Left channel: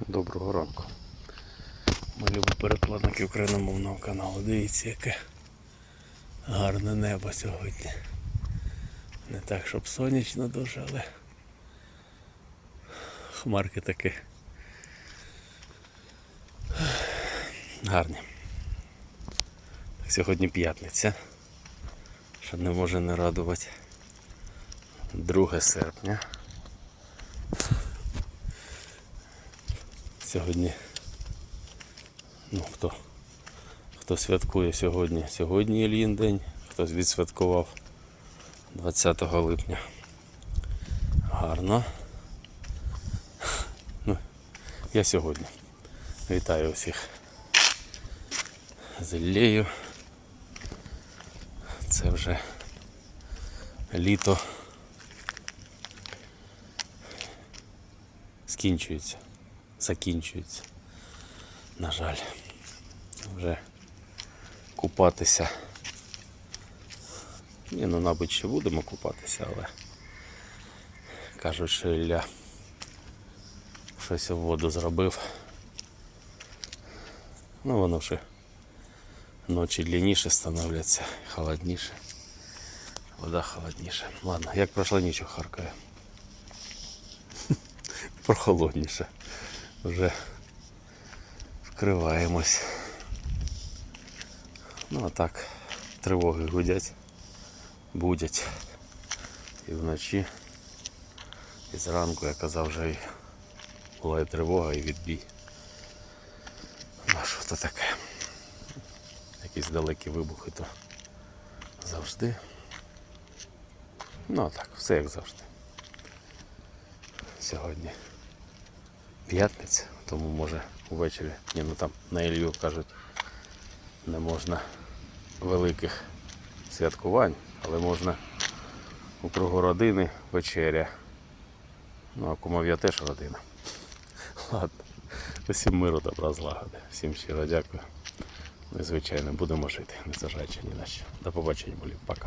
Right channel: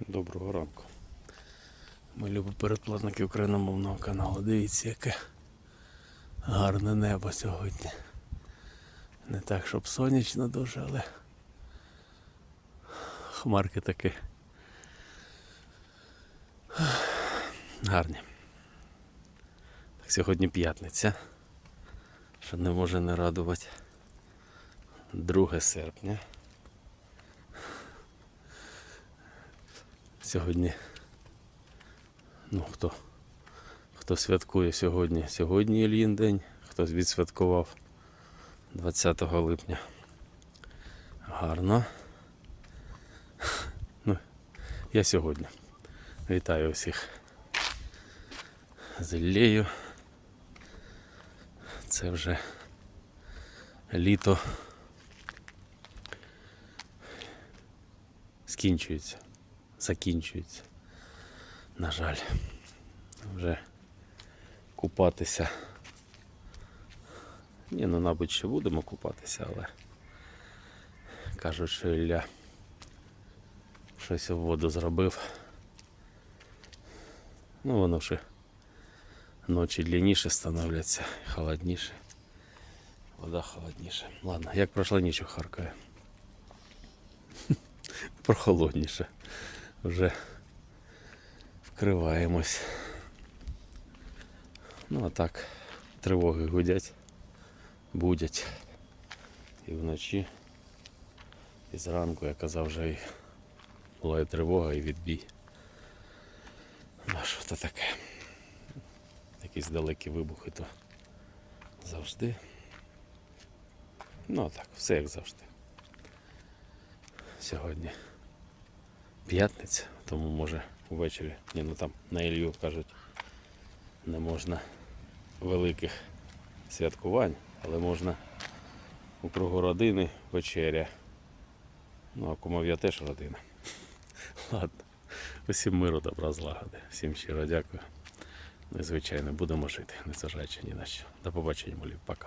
Доброго ранку. Ми любі перекладники україномовного каналу. Дивіться, яке гарне небо сьогодні. Не так, щоб сонячно дуже, але хмарки такі гарні. Так, сьогодні п'ятниця, що не може не радувати. 2 серпня. Сьогодні. Ну, хто, хто святкує сьогодні? Сьогодні Ільїн день, хтось відсвяткував 20 липня. Гарно. Ну, я сьогодні. Вітаю усіх. З Іллею. Це вже літо скінчується закінчується. На жаль, вже купатися. Ні, ну, мабуть, ще будемо купатися, але кажуть, що Ілля щось у воду зробив. Ну, воно вже ночі длинніше становляться, холодніше. Вода холодніша. Ладно, як пройшла ніч у Харкові. Прохолодніше вже вкриваємось. Ну а так, тривоги гудять, будять. І вночі, і зранку, я казав, вже була і тривога, і відбій. Ну а що то таке? Якісь далекі вибухи, то завжди. Ну а так, все як завжди. Сьогодні п'ятниця, тому може ввечері, ні, ну там на Ілью кажуть, не можна великих святкувань, але можна у кругу родини вечеря. Ну, а кумов'я теж родина. Ладно. Усім миру, добра, злагоди. Всім щиро дякую. Звичайно, будемо жити, незважаючи ні на що. До побачення, молі. Пока.